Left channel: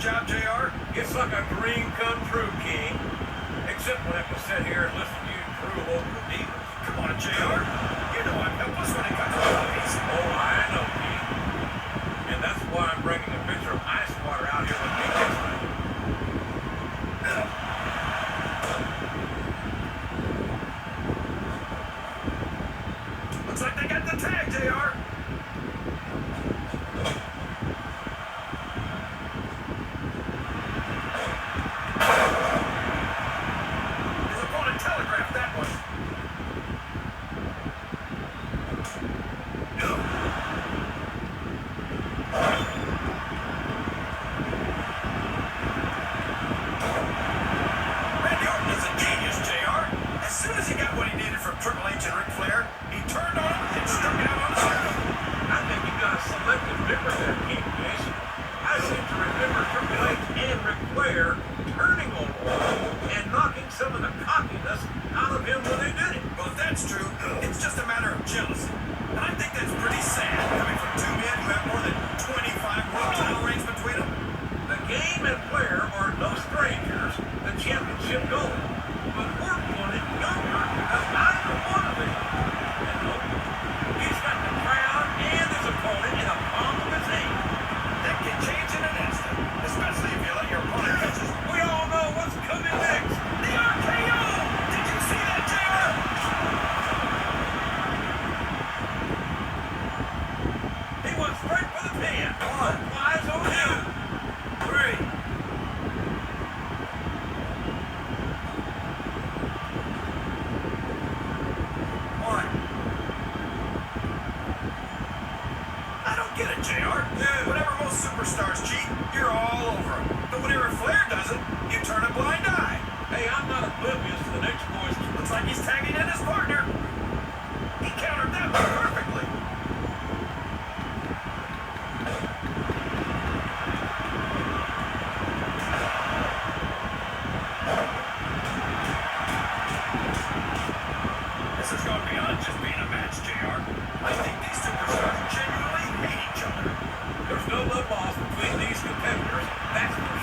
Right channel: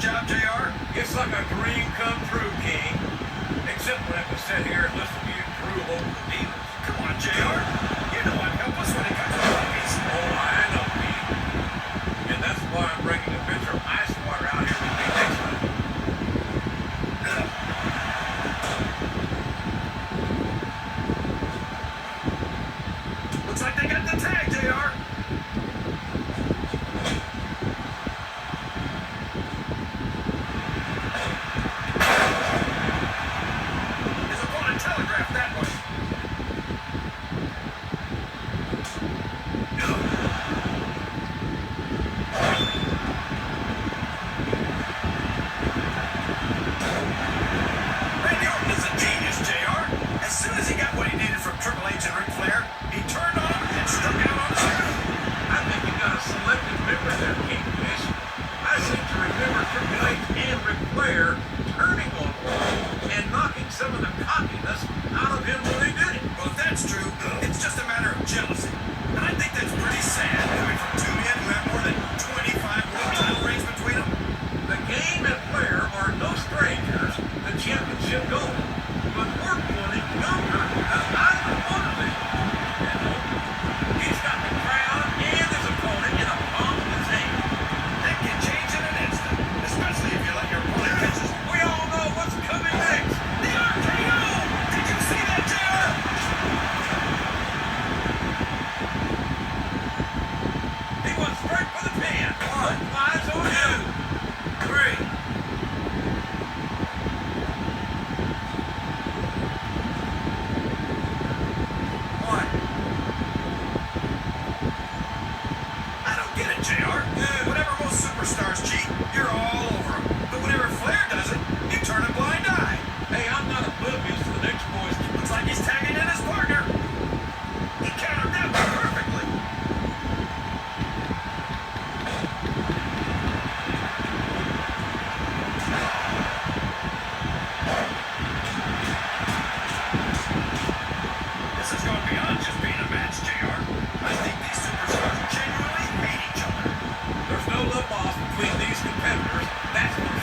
job, JR? It's like a dream come true, King. Except we have to sit here and listen to you drool over the needles. Come on, JR. You know I'm helpless when it comes to puppies. Oh, I know, King. And that's why I'm bringing a pitcher of ice water out here with me next time. Looks like they got the tag, JR. His opponent telegraphed that one. Randy Orton is a genius, JR. As soon as he got what he needed from Triple H and Ric Flair, he turned on him and struck out on his own. I think you got a selective memory there, King Fish. I seem to remember Triple H and Ric Flair turning on Orton and knocking some of the cockiness out of him when they did it. Well, if that's true, it's just a matter of jealousy. And I think that's pretty sad coming from two men who have more than 25 world title reigns between them. The game and Flair are no strangers to championship gold. But Orton won it younger than either one of them. And look, he's got the crowd and his opponent in the palm of his hand. That can change in an instant, especially if you let your opponent catch his... We all know what's coming next. The RKO! Did you see that, JR? He went straight for the pin. One flies on you. 3. I don't get it, JR. Whenever most superstars cheat, you're all over them. But whenever Flair does it, you turn a blind eye. Hey, I'm not oblivious to the next boy's. Looks like he's tagging in his partner. He countered that one perfectly. This has gone beyond just being a match, JR. I think these superstars genuinely hate each other. There's no love lost between these competitors. That's for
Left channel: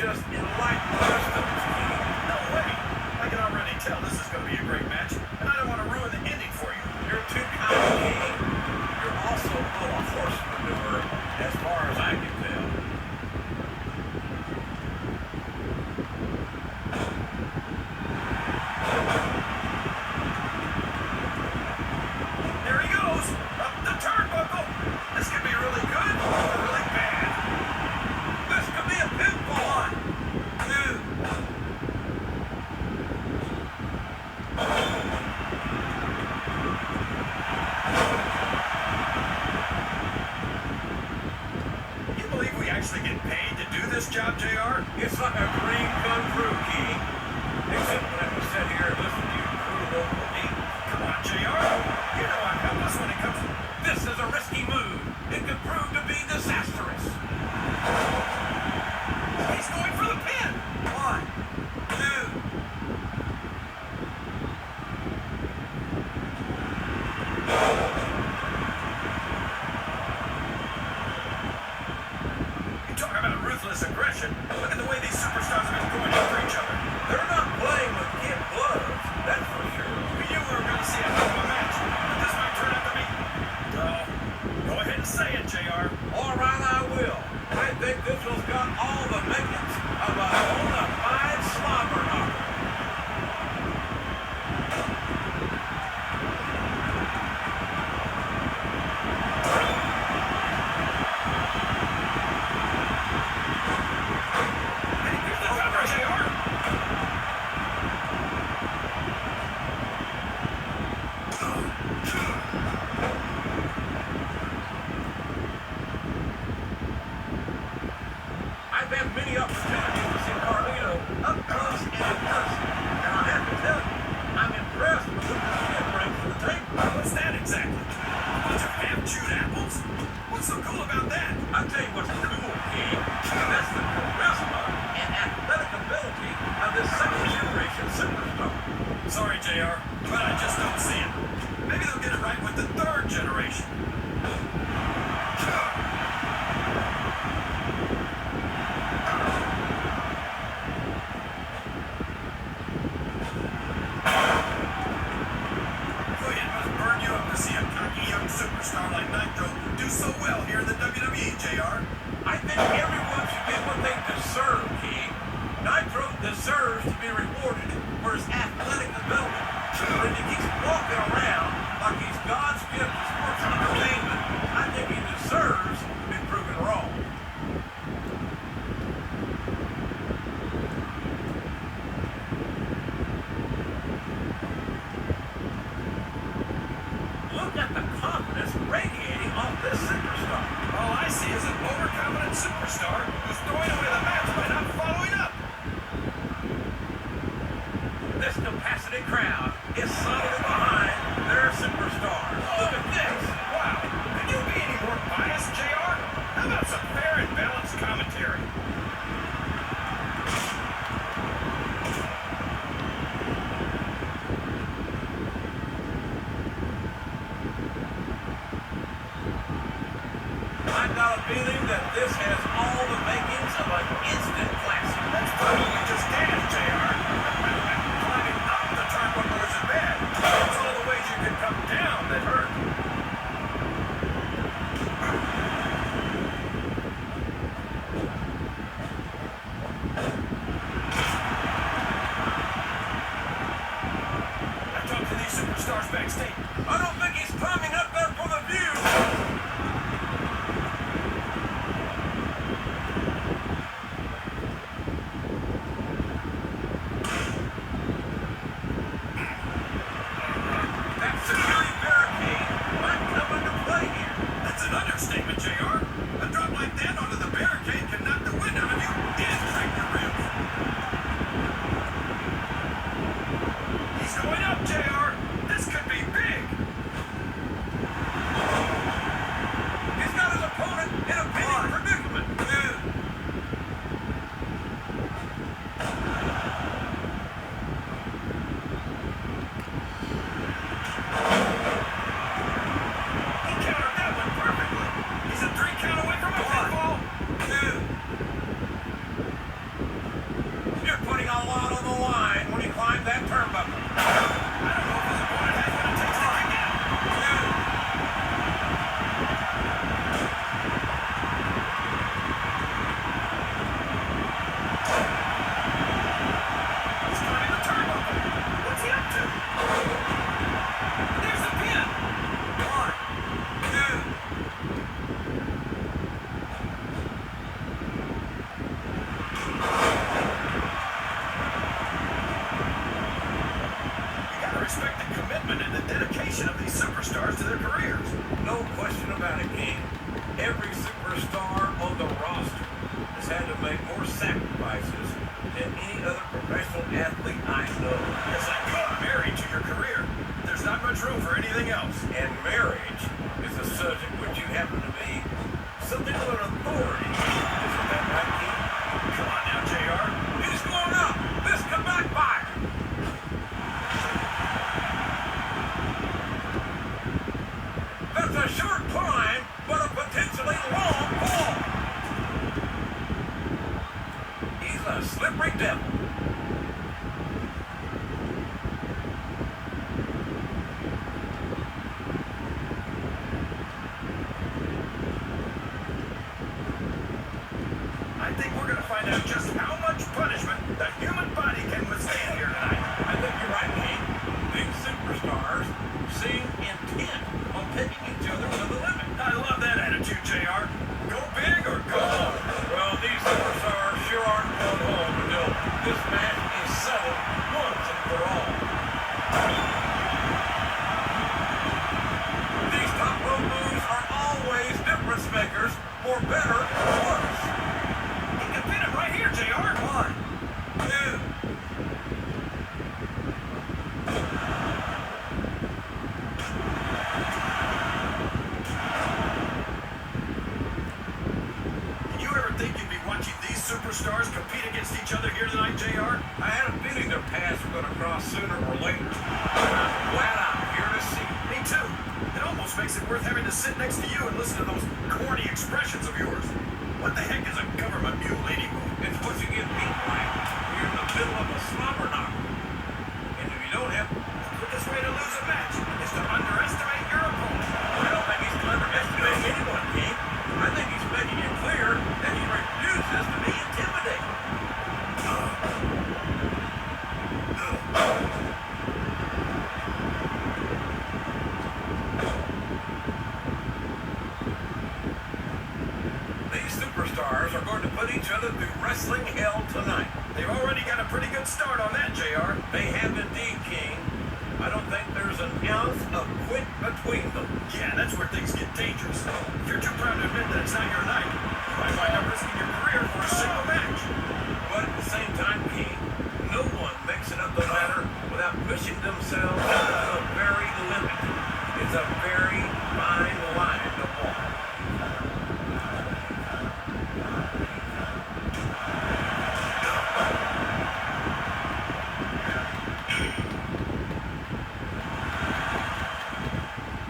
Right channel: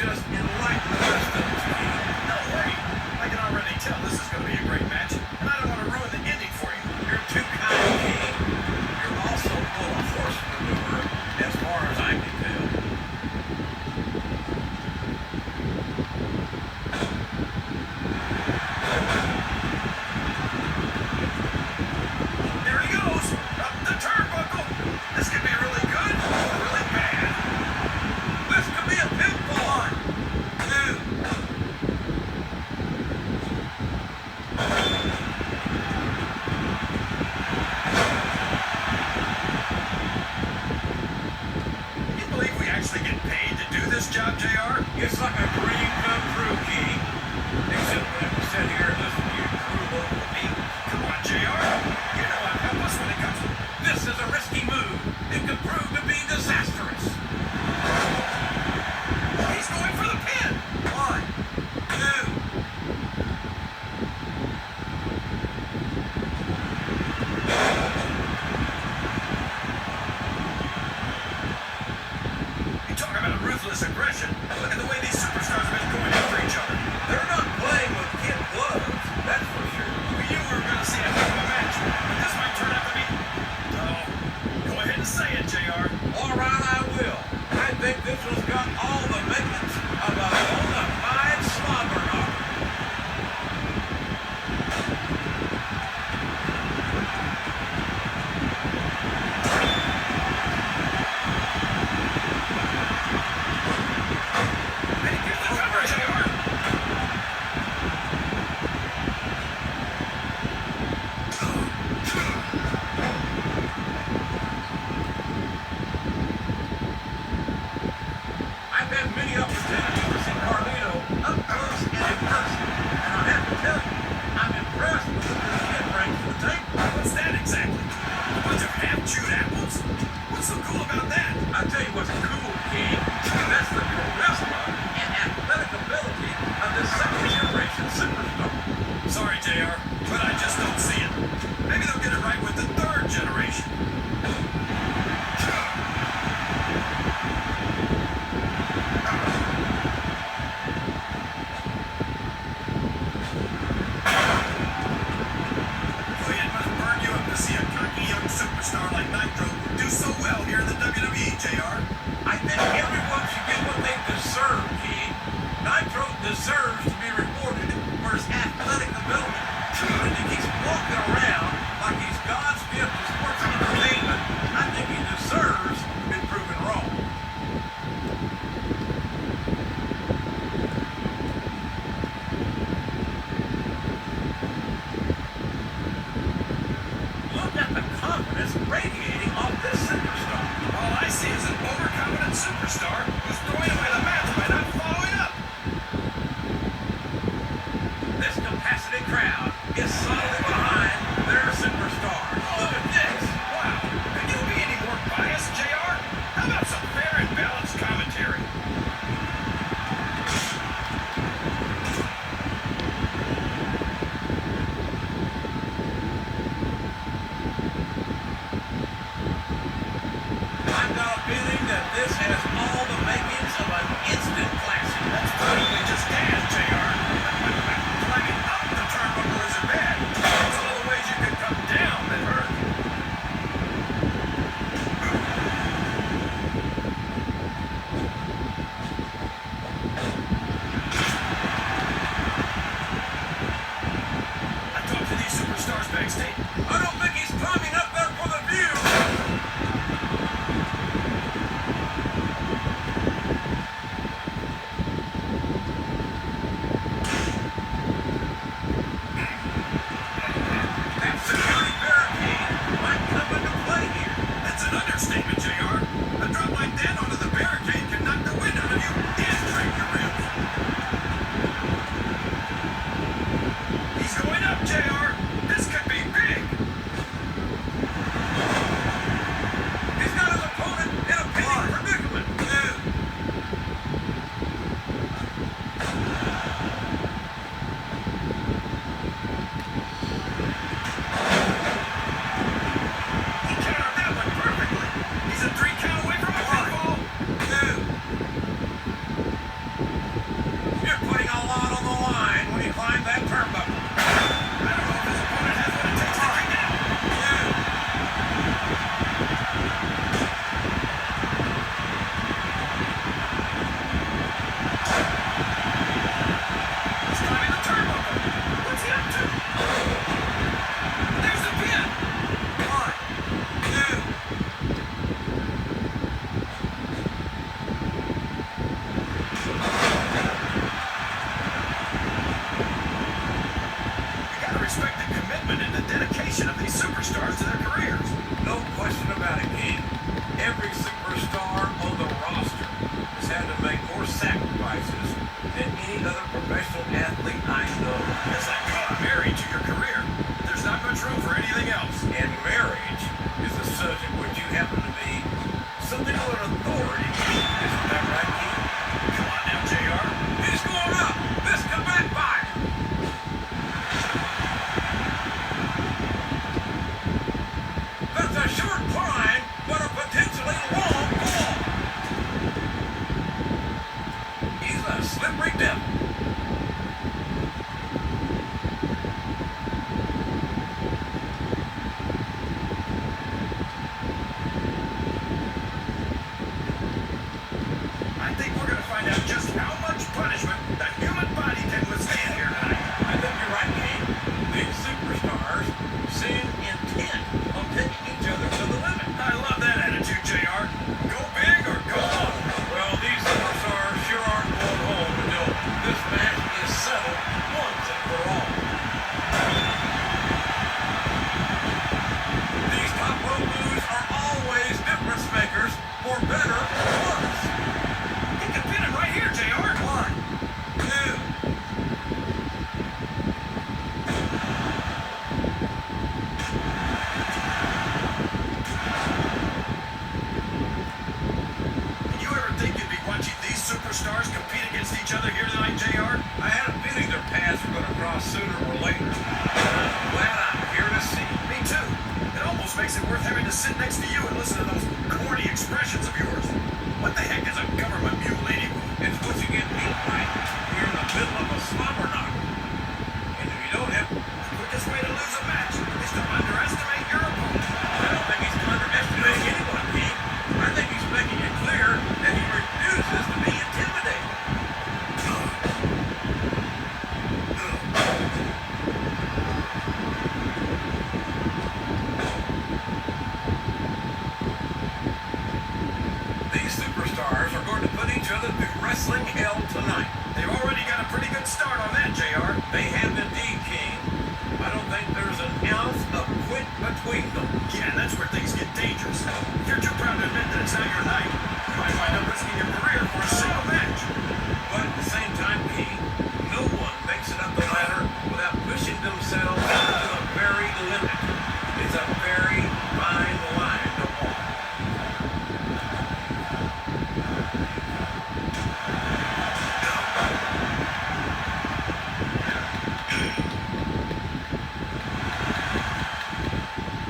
just enlighten the rest of us, King. No way. I can already tell this is going to be a great match, and I don't want to ruin the ending for you. You're too kind, King. You're also full of horse manure, as far as I can tell. There he goes. Up the turnbuckle. This could be really good or really bad. This could be a pinfall. 2. Can you believe we actually get paid to do this job, JR? It's like a dream come true, King. Except we have to sit here and listen to you crew over me. Come on, JR. You know I'm helpless when it comes to... This is a risky move. It could prove to be disastrous. He's going for the pin. 1, 2. You talk about ruthless aggression. Look at the way these superstars have been going after each other. They're not playing with kid gloves, that's for sure. We knew we were going to see a heck of a match, but this might turn out to be... No. Go ahead and say it, JR. All right, I will. I think this one's got all the makings of a bona fide slobber knocker. And he gives the cover, JR. I've had many opportunities to see Carlito up close and in person, and I have to tell you, I'm impressed with what this kid brings to the table. What's that exactly? A bunch of half-chewed apples? What's so cool about that? I'll tell you what's cool, King. That's the charisma and athletic ability of this second-generation superstar. Sorry, JR, but I just don't see it. Maybe they'll get it right with the third generation. Boy, it must burn you up to see a cocky young superstar like Nitro do so well here in the WWE, JR. I think everyone should get what they deserve, King. Nitro deserves to be rewarded for his athletic ability. When he keeps walking around like he's God's gift to sports entertainment, I think he deserves to be proven wrong. Look at the confidence radiating off this superstar. All I see is an overconfident superstar who's throwing away the match by not following up. This capacity crowd is solidly behind their superstar. Look at this. Wow, could you be any more biased, JR? How about some fair and balanced commentary? I've got a feeling that this has all the makings of an instant classic. That's probably just gas, JR. Climbing up the turnbuckle isn't bad. It's all the ways you could come down that hurt. a slippery devil. I think we're going to find out just how much punishment the human body can withstand here tonight. I think you're right, King. These superstars seem intent on taking each other to the limit. I love that attitude, JR. Go big or go home. Well, these superstars sure aren't going home until this match is settled once and for all. These top rope moves are always difference makers, for better or worse. He can pin him right here, JR. One, two. Did you ever think you'd be watching these superstars compete against each other here tonight, JR? I had a feeling their paths were going to cross sooner or later. I'm glad I'm here to see. Me too. It almost makes it worth having to sit next to you and listen to those corny expressions of yours. What the heck is a government mule anyway? It's what you get beat right. We're in the middle of a slobber knocker. And if you don't have... The quickest way to lose a match is to underestimate your opponent. I don't think he's underestimating anyone, King. I think he's making it clear that he refuses to be intimidated. These superstars are going to put each other through wrestling hell tonight. They've already got a pretty good start on that, JR. They have indeed, King. I don't think there's an ounce of quit between them. Yeah, that's where things get dangerous. If you're too proud to admit that it's not your night, you might wind up risking your career for a single match. But at the same time, King, no one makes it up the ladder without pushing themselves to the very limit. It's a very fine line to walk.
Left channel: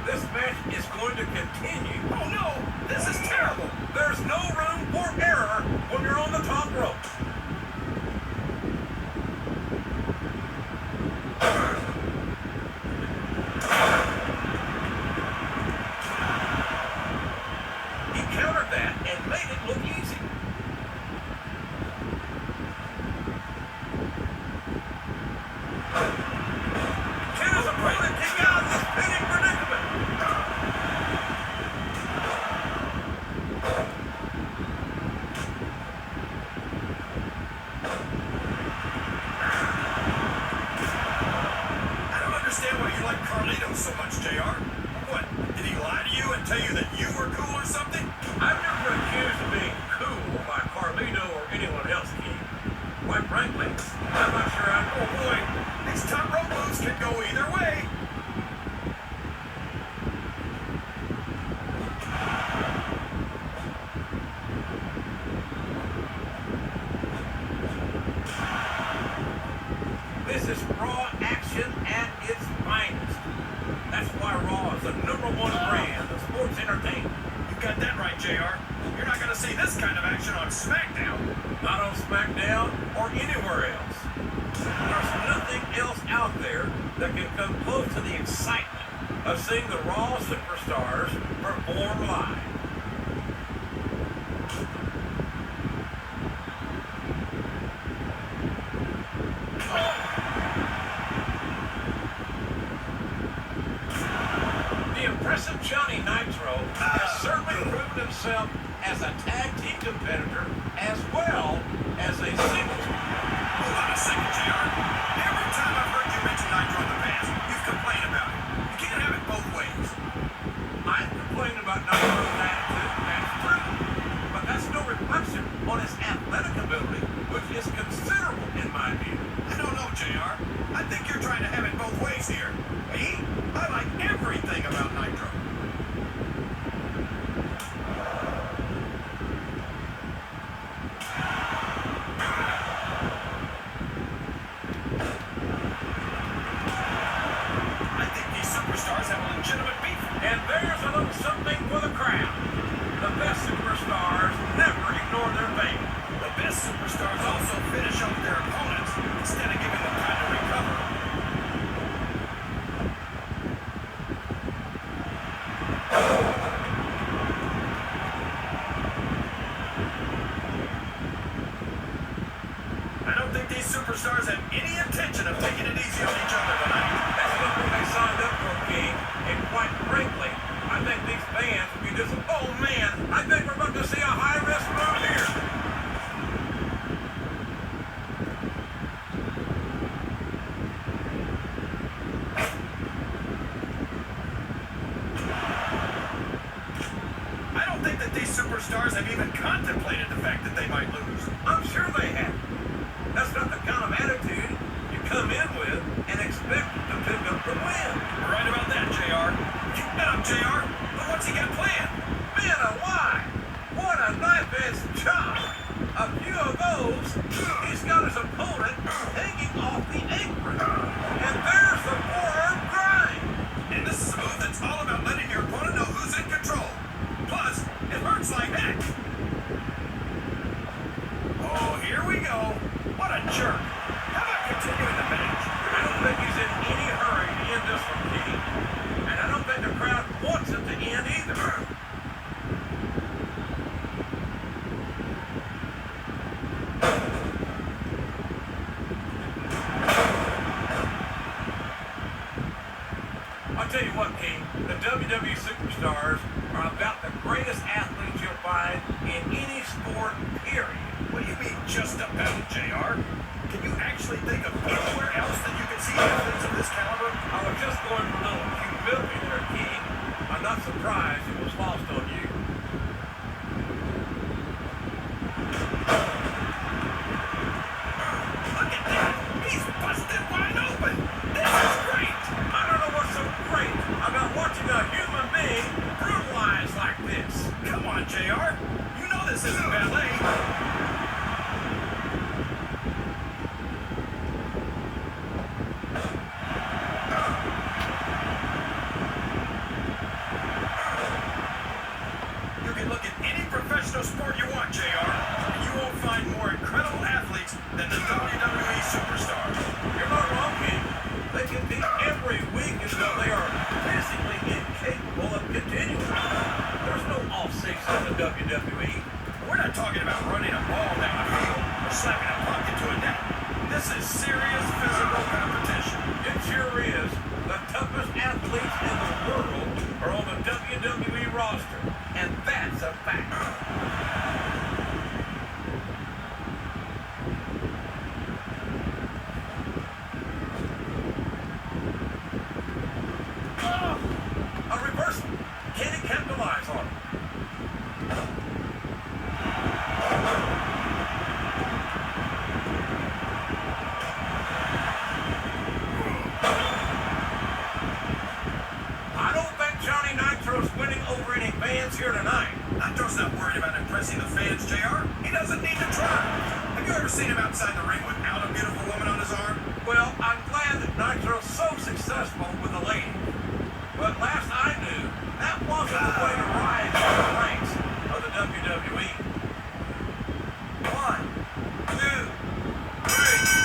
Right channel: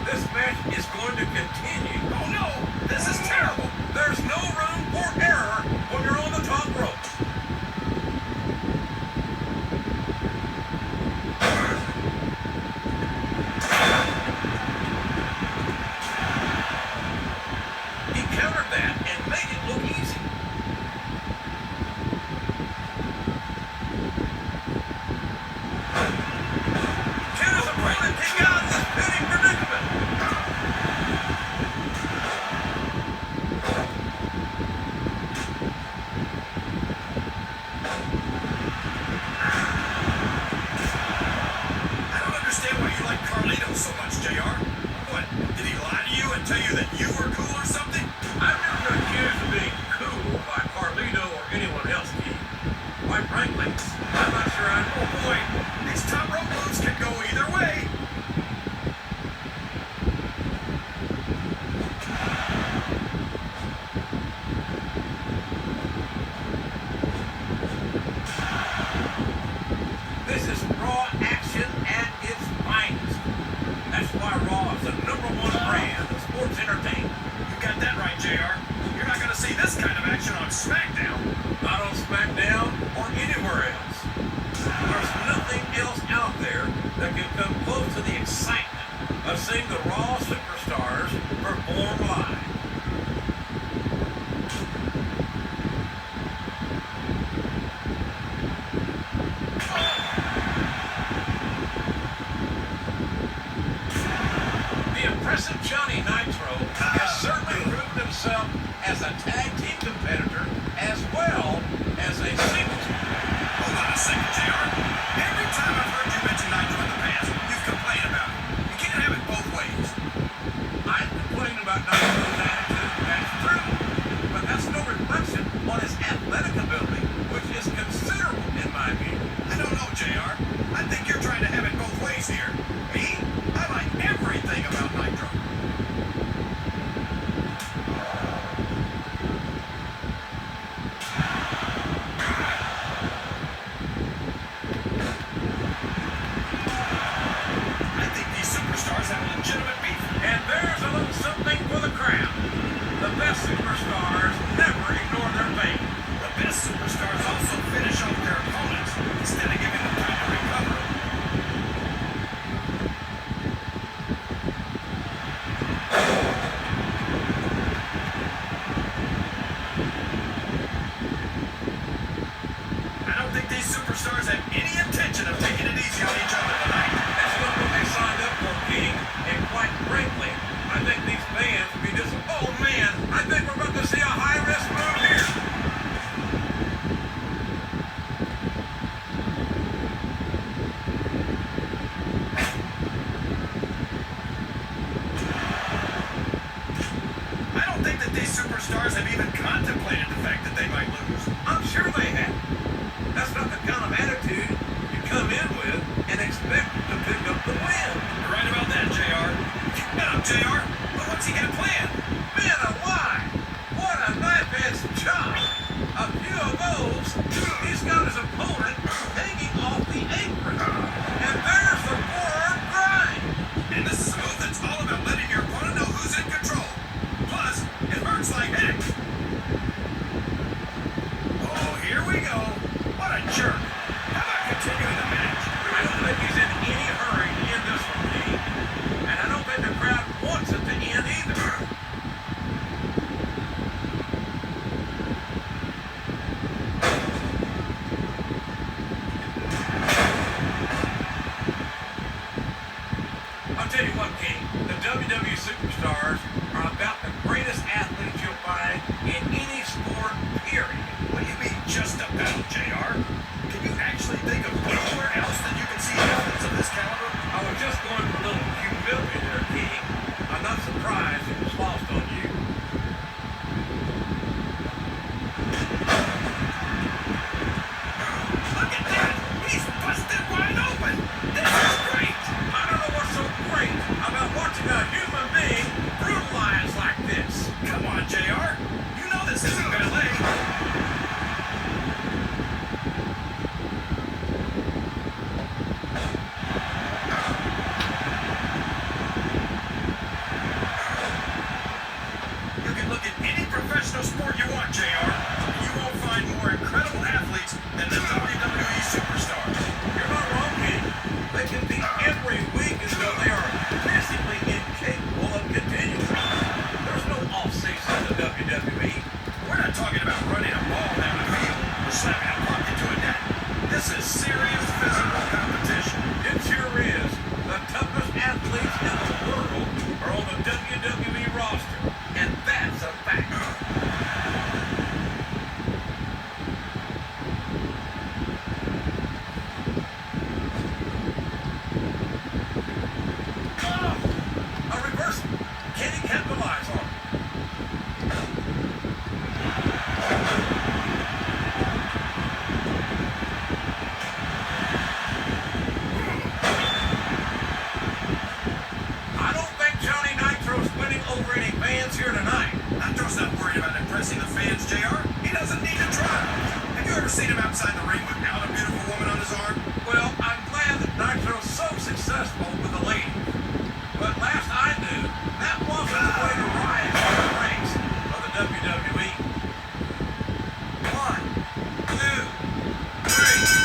This match is going to continue. Oh no, this is terrible. There's no room for error when you're on the top rope. He countered that and made it look easy. Can his opponent take out this pinning predicament? I don't understand why you like Carlito so much, JR. What, did he lie to you and tell you that you were cool or something? I've never been accused of being cool by Carlito or anyone else, King. Quite frankly, I'm not sure I know. Oh boy, these top rope moves can go either way. This is Raw action at its finest. That's why Raw is the #1 brand of sports entertainment. You got that right, JR. You're not going to see this kind of action on Smackdown. Not on Smackdown or anywhere else. There's nothing else out there that can come close to the excitement of seeing the Raw superstars perform live. The impressive Johnny Nitro has certainly proven himself as a tag team competitor as well as a singles. Hold on a second, JR. Every time I've heard you mention Nitro in the past, you've complained about it. You can't have it both ways. I've complained about Nitro's attitude, that's true, but that's no reflection on his athletic ability, which is considerable in my view. I don't know, JR. I think you're trying to have it both ways here. Me? I like everything about Nitro. I think these superstars have a legitimate beef. And there's a little something for the crowd. The best superstars never ignore their fame. The best these superstars have any intention of taking it easy on each other tonight. That's not what they signed up for, King. And quite frankly, I think these fans will be disappointed. Oh, man, I think we're about to see a high-risk move here. I don't think that these superstars have even contemplated the fact that they might lose. I'm sure they have. That's not the kind of attitude you come in with and expect to pick up the win. You're right about that, JR. Keep it up, JR. But what's he got planned? Man alive! What a knife-edge chop! A few of those, he's got his opponent hanging off the apron. And there's the forearm grind. And this is a move that's all about letting your opponent know who's in control. Plus, it hurts like heck. Oh, here we go. What a jerk. How about continuing the match? I don't think he's in any hurry to end this one, King. And I don't think the crowd wants it to end either. I'll tell you what, King, the WWE superstars are about the greatest athletes you'll find in any sport, period. What do you mean, just about, JR? Can you actually think of anywhere else that you can see evidence of this caliber? I was just going for a little humility there, King. I'm not surprised it was lost on you. Look at that! He's busted wide open! This is great! I don't know what's so great about watching a human being brutalized like this. Come on, JR. You know this isn't ballet. You can look at any professional sport you want, JR, and you won't find more incredible athletes than the WWE superstars. You're not wrong, King. They compete every week as though they are physically incapable of continuing. There's no off-season in the WWE. We're not talking about running a ball down a field or slapping a puck into a net. This is serious physical competition. It sure is. The toughest athletes in the world are on the WWE roster. And that's a fact. Oh, A reversal. Can he capitalize on it? I don't think Johnny Nitro's winning over any fans here tonight. Nitro's not worried about impressing the fans, JR. He doesn't need to try. Have you ever seen him outside the ring without a beautiful woman on his arm? Well, I'm glad that Nitro's so successful with the ladies. But last I knew, that wasn't the way to rise in the ranks of the WWE. 1, 2, 3.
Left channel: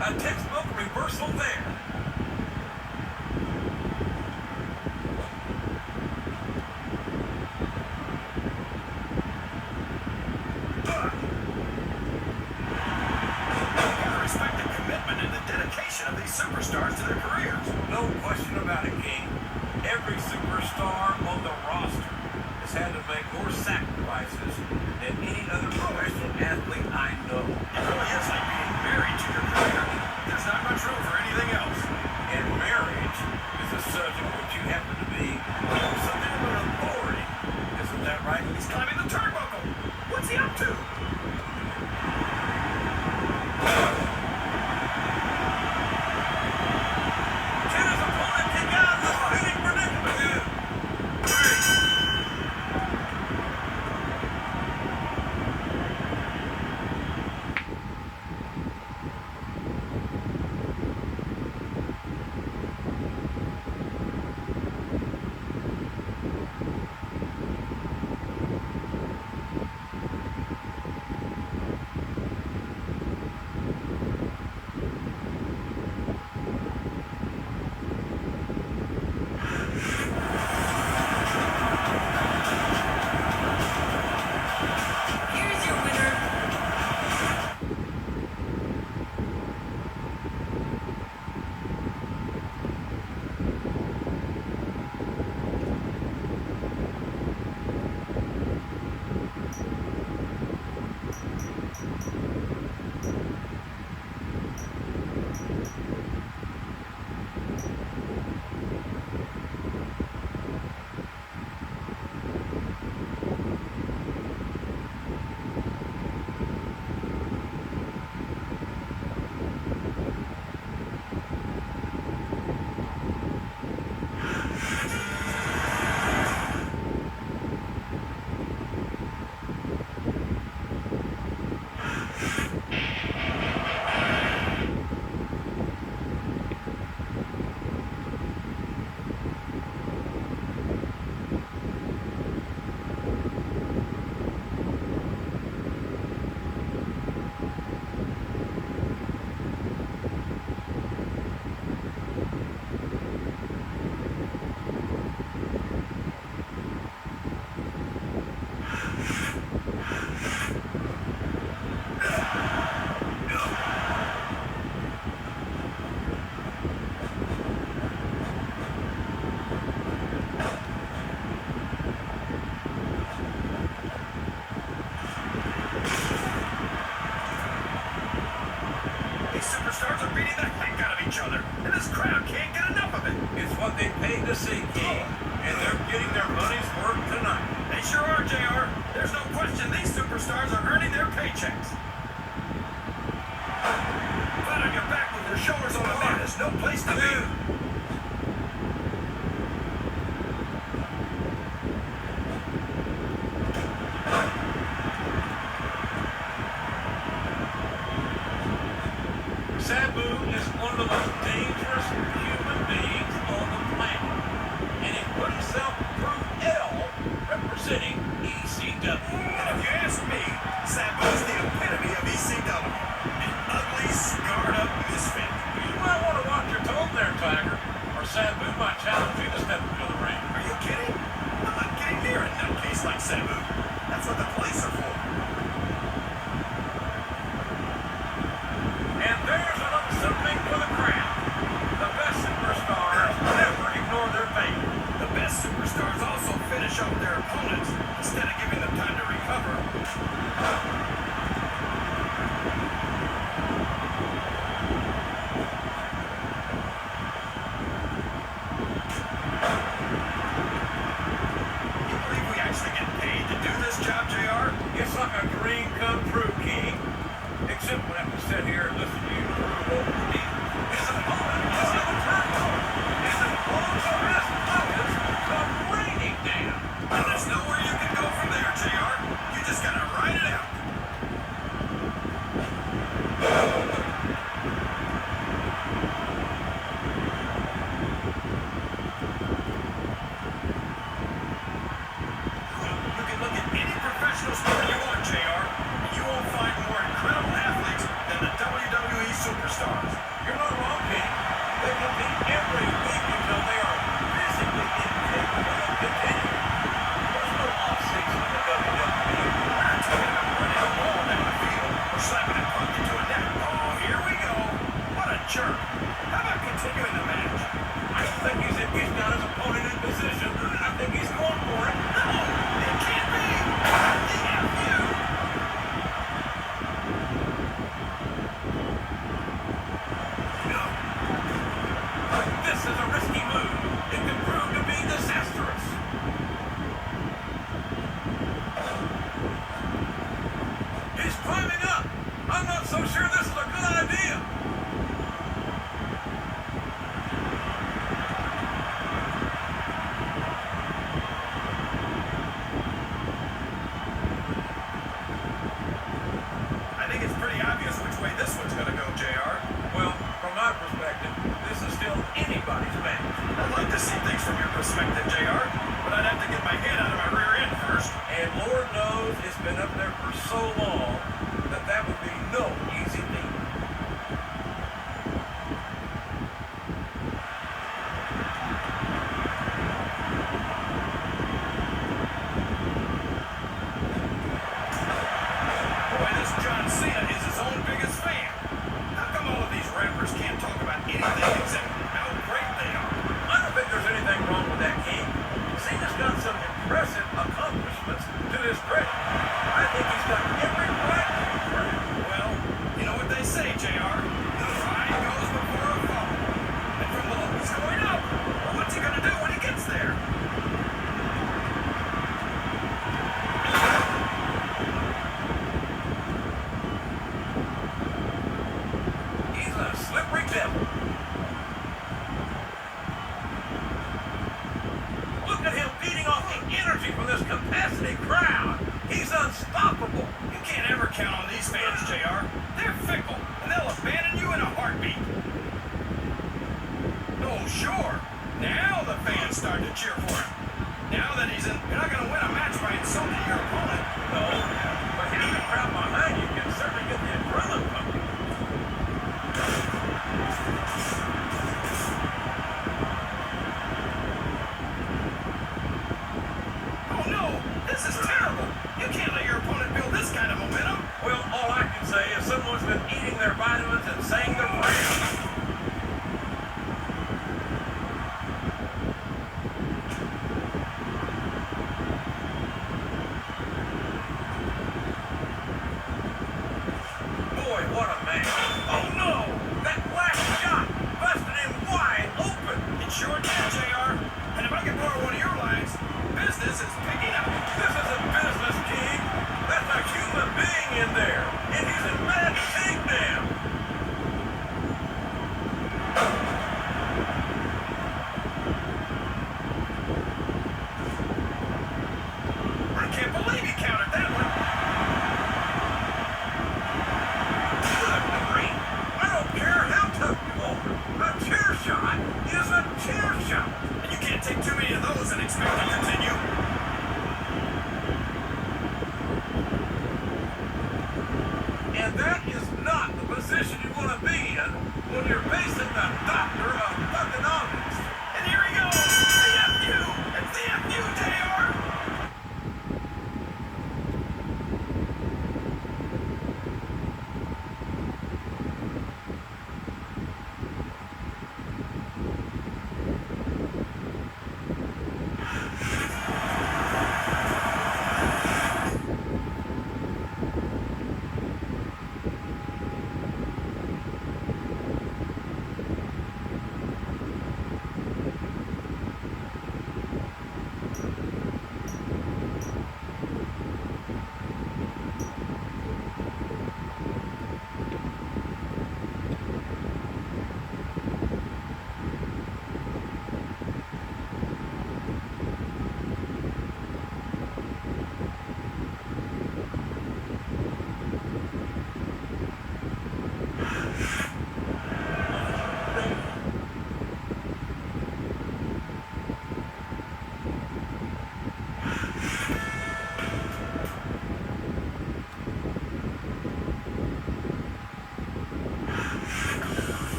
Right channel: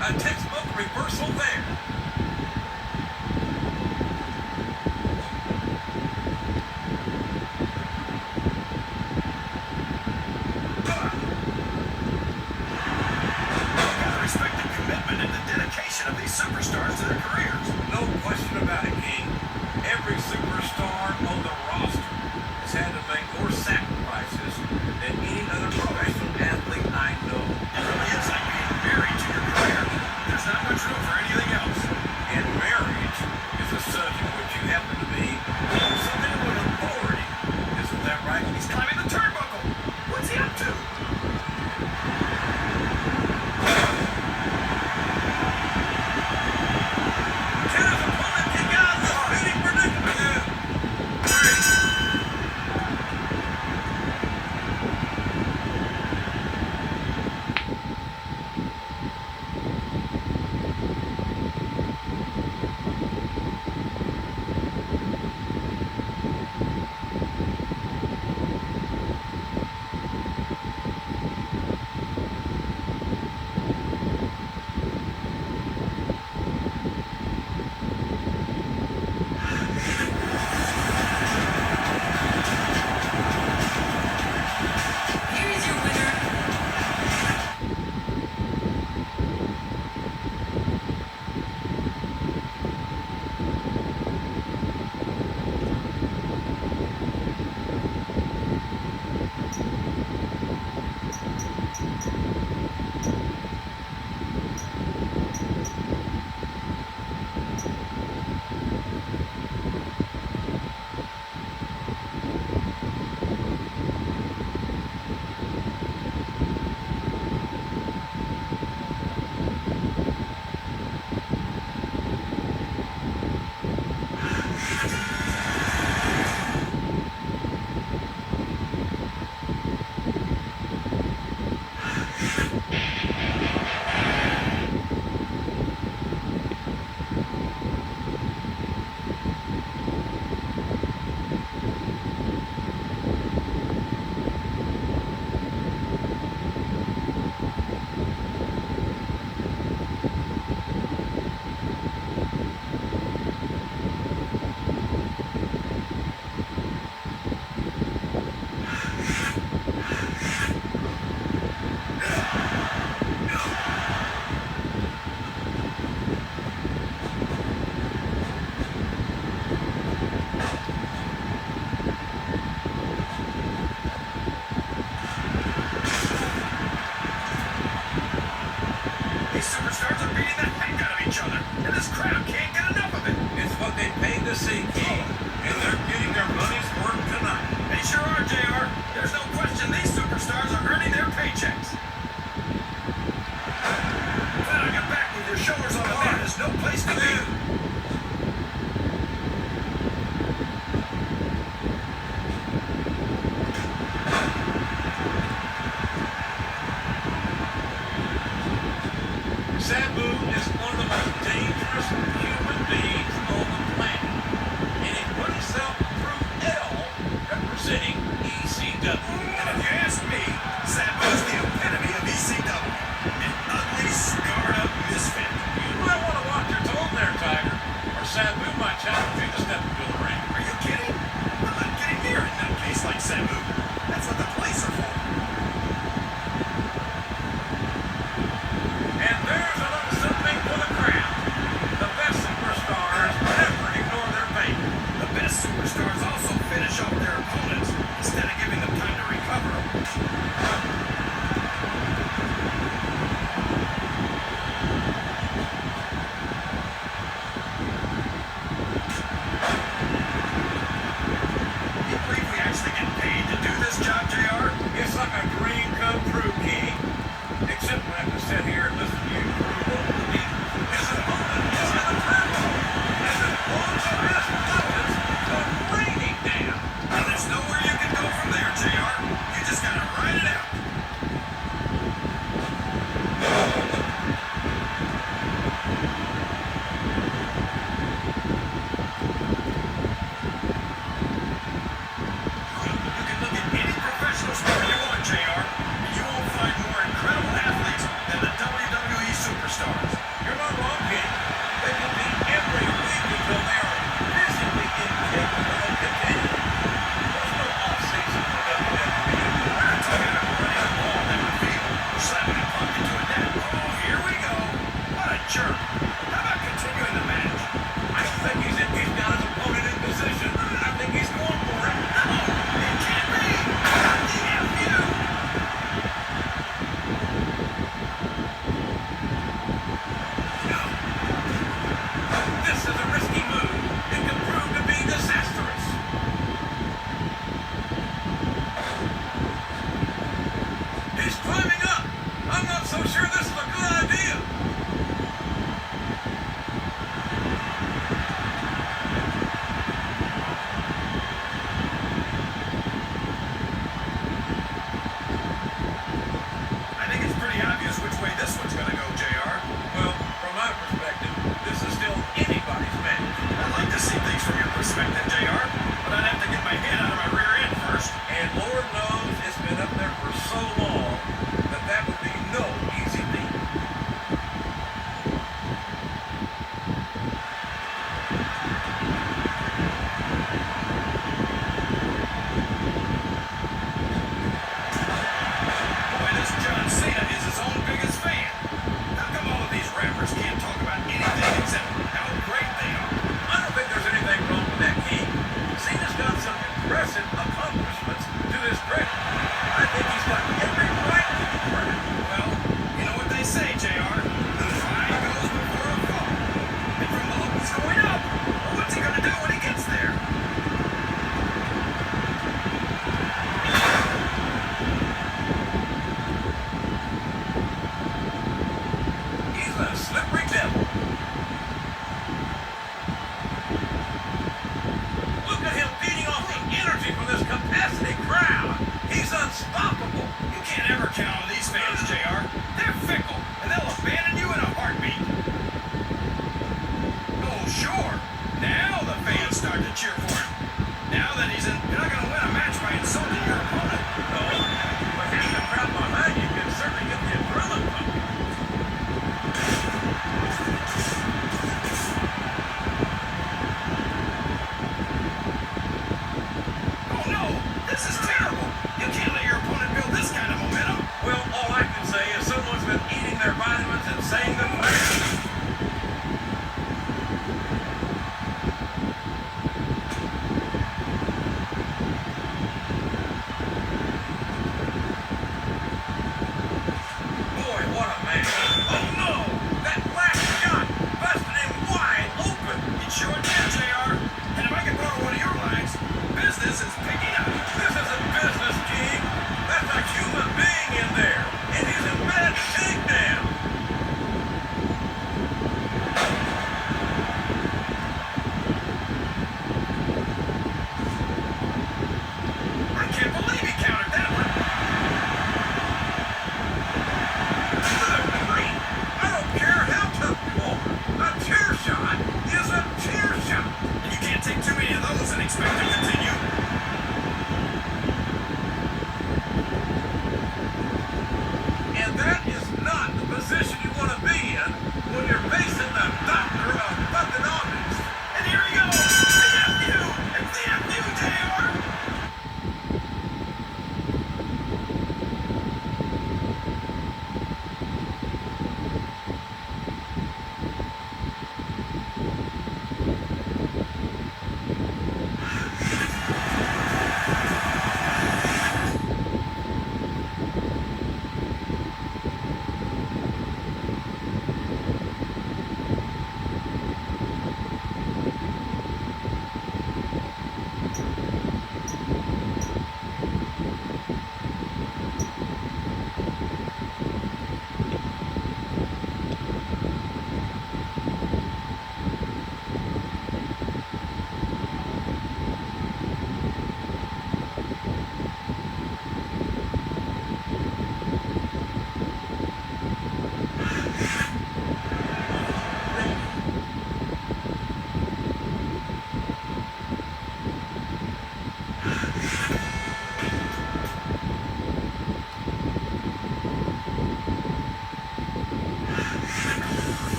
A textbook reversal there. Gotta respect the commitment and the dedication of these superstars to their careers. No question about it, King. Every superstar on the roster has had to make more sacrifices than any other professional athlete I know. It really is like being married to your career. There's not much room for anything else. And marriage is a subject which you happen to be something of an authority. Isn't that right? He's climbing the turnbuckle. What's he up to? Can his opponent kick out of the spinning predicament? 3. Here's your winner, These superstars are beating the heck out of each other, and this crowd can't get enough of it. It's what they paid to see, King. And they're getting their money's worth tonight. They sure are, JR. There's no question these superstars are earning their paychecks. Flat on your back with your shoulders on the mat is no place to be. Sabu is one of the most dangerous human beings on the planet. And he put himself through hell representing ECW. And if you ask me, Sabu's the epitome of ECW. An ugly, scarred-up misfit. You might want to watch your tone there, Tiger, or Sabu might challenge you to step into the ring. Are you kidding? I'm not getting near a nutcase like Sabu. That's what the police are for. And there's another something for the crowd. The jerk. How about continuing the match? I don't think he's got his opponent in position. I think he's going for it. No, it can't be. DFU. This is a risky move. It could prove to be disastrous. He's climbing up. I'm not so sure this is a good idea. I think it's pretty obvious which way this one's going to go, JR. Well, from my perspective, this is still anybody's match. I'd like to see things from your perspective, JR, but I'd have to get my head out of my rear end first. And Lord knows it's been up there for so long that that would be no easy feat. Boy, this John Cena is his own biggest fan. How come all of these rappers can't talk about anything except how great they are? I don't think there's anything wrong with that, King. Cena's got some impressive accomplishments to his credit. I think he's got every right to be proud. Well, you know what they say, JR. The ride goes before a fall. And from the look he's going up, well, what's he gonna do when he gets there? He's a slippery devil. Look at him feeding off the energy from this capacity crowd. He's unstoppable. You can't ever count on these fans, JR. They're fickle, and they'll abandon you in a heartbeat. Oh, sure. Now the fans start to cheer for him. Now that he's in, you're not going to win a match by insulting your opponent. No, but having a crowd behind you can certainly get the adrenaline pumping. Oh, no. This is terrible. You can't let your opponent build this kind of momentum. Well, all I can say is someone's been eating their vitamins and saying their prayers.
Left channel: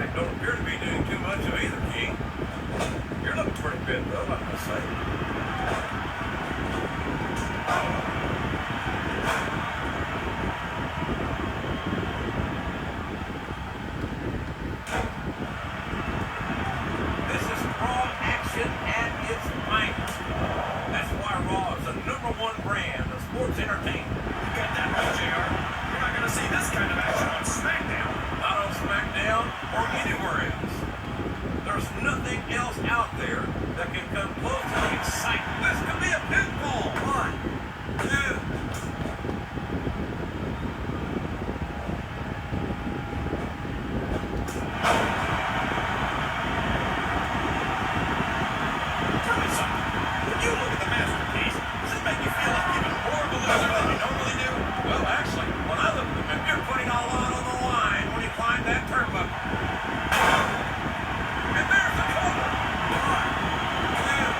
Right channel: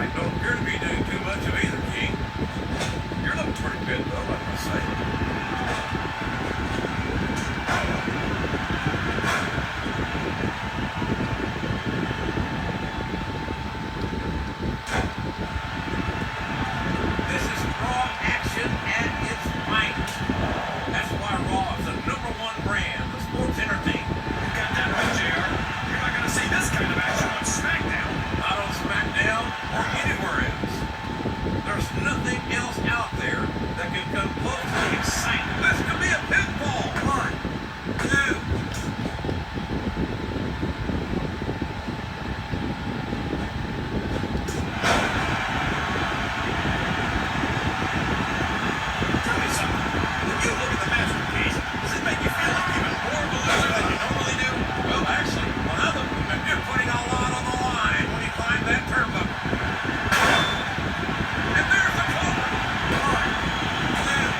I don't appear to be doing too much of either, King. You're looking pretty good, though, I must say. This is Raw action at its finest. That's why Raw is the #1 brand of sports entertainment. You got that right, JR. You're not going to see this kind of action on Smackdown. Not on Smackdown or anywhere else. There's nothing else out there that can come close to the excitement. This could be a pinfall. 1, 2. Tell me something. When you look at the masterpiece, does it make you feel like even more of a loser than you normally do? Well, actually, when I look at him, you're putting a lot on the line when you climb that turnbuckle. And there's the cover. 1, 2.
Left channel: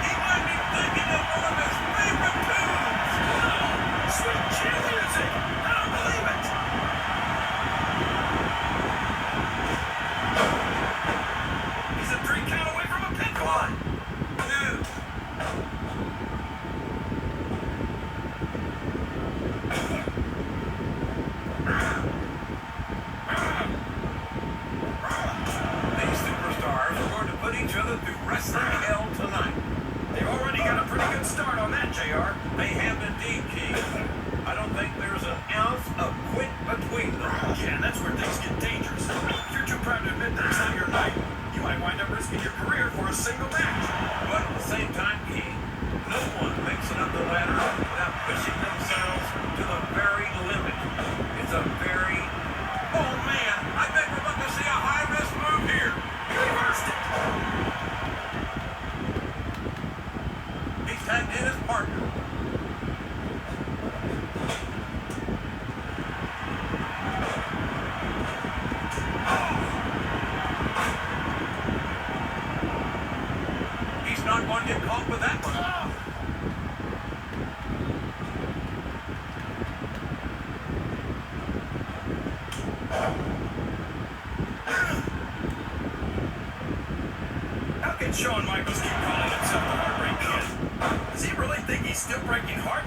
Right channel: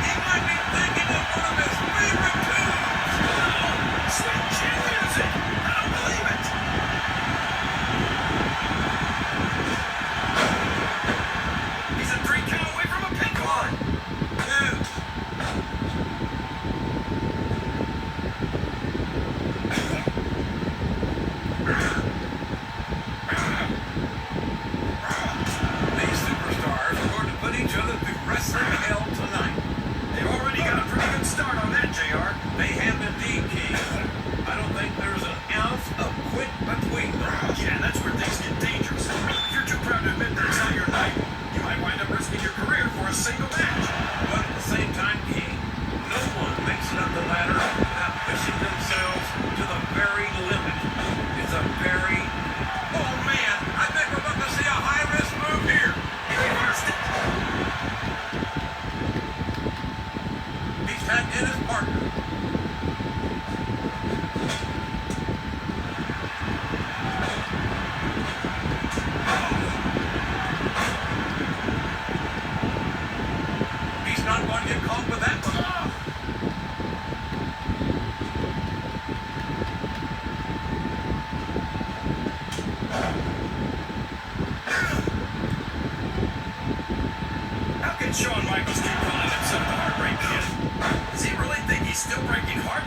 He might be thinking of one of his favorite tunes. Sweet chin music. I don't believe it. He's a 3 count away from a pinfall. 1, 2. These superstars are going to put each other through wrestling hell tonight. They've already got a pretty good start on that, JR. They have indeed, King. I don't think there's an ounce of quit between them. Yeah, that's where things get dangerous. If you're too proud to admit that it's not your night, you might wind up risking your career for a single match. But at the same time, King, no one makes it up the ladder without pushing themselves to the very limit. It's a very... Oh, man, I think we're about to see a high-risk move here. He reversed it. He's tagged in his partner. He's not going to get caught with that one. How can Shawn Michaels keep calling himself the Heartbreak Kid? Does he really think he's still breaking hearts?